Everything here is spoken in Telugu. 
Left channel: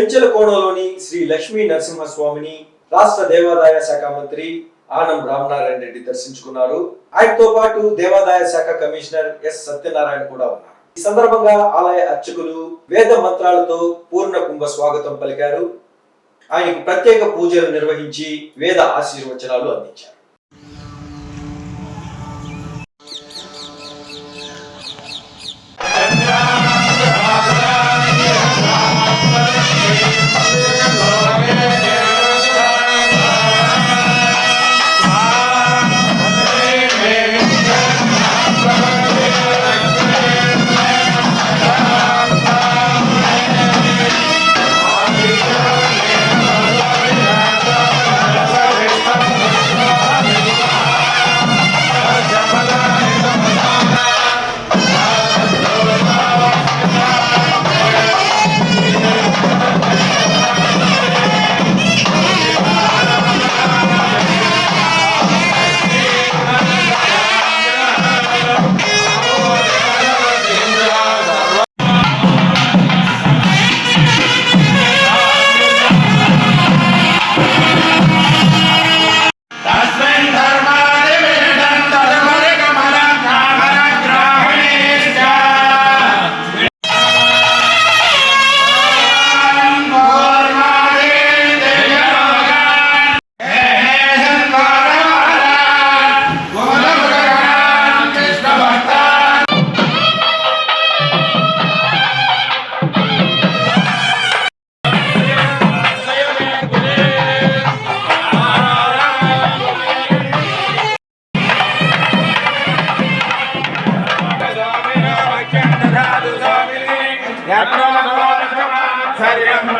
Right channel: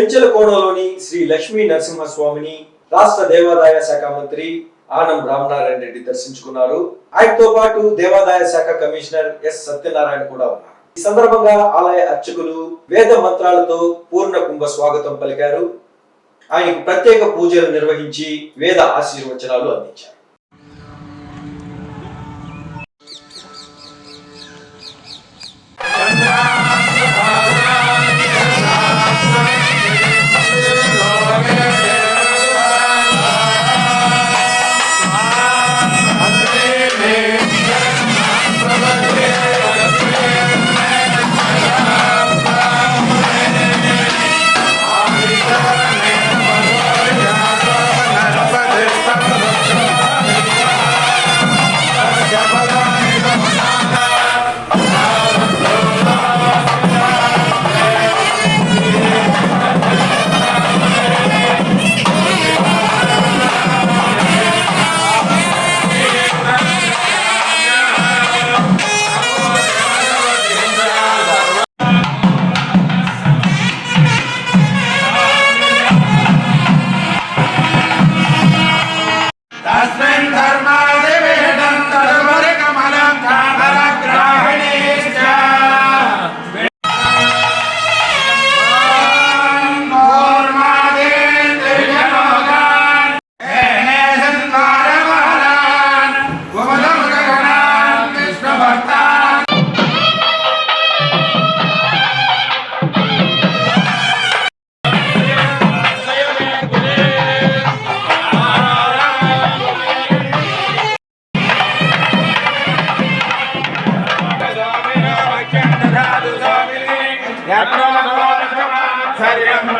పెంచలకోనలోని శ్రీ లక్ష్మీ నరసింహస్వామిని రాష్ట్ర దేవాదాయ శాఖ మంత్రి ఆనం రామనారాయణ రెడ్డి దర్శించుకున్నారు. ఆయనతో పాటు దేవాదాయ శాఖ కమిషనర్ ఎస్ సత్యనారాయణ కూడా ఉన్నారు. ఈ సందర్భంగా ఆలయ అర్చకులు వేద మంత్రాలతో పూర్ణ కుంభ స్వాగతం పలికారు. ఆయనకు ప్రత్యేక పూజలు నిర్వహించి వేద ఆశీర్వచనాలు అందించారు. Glória a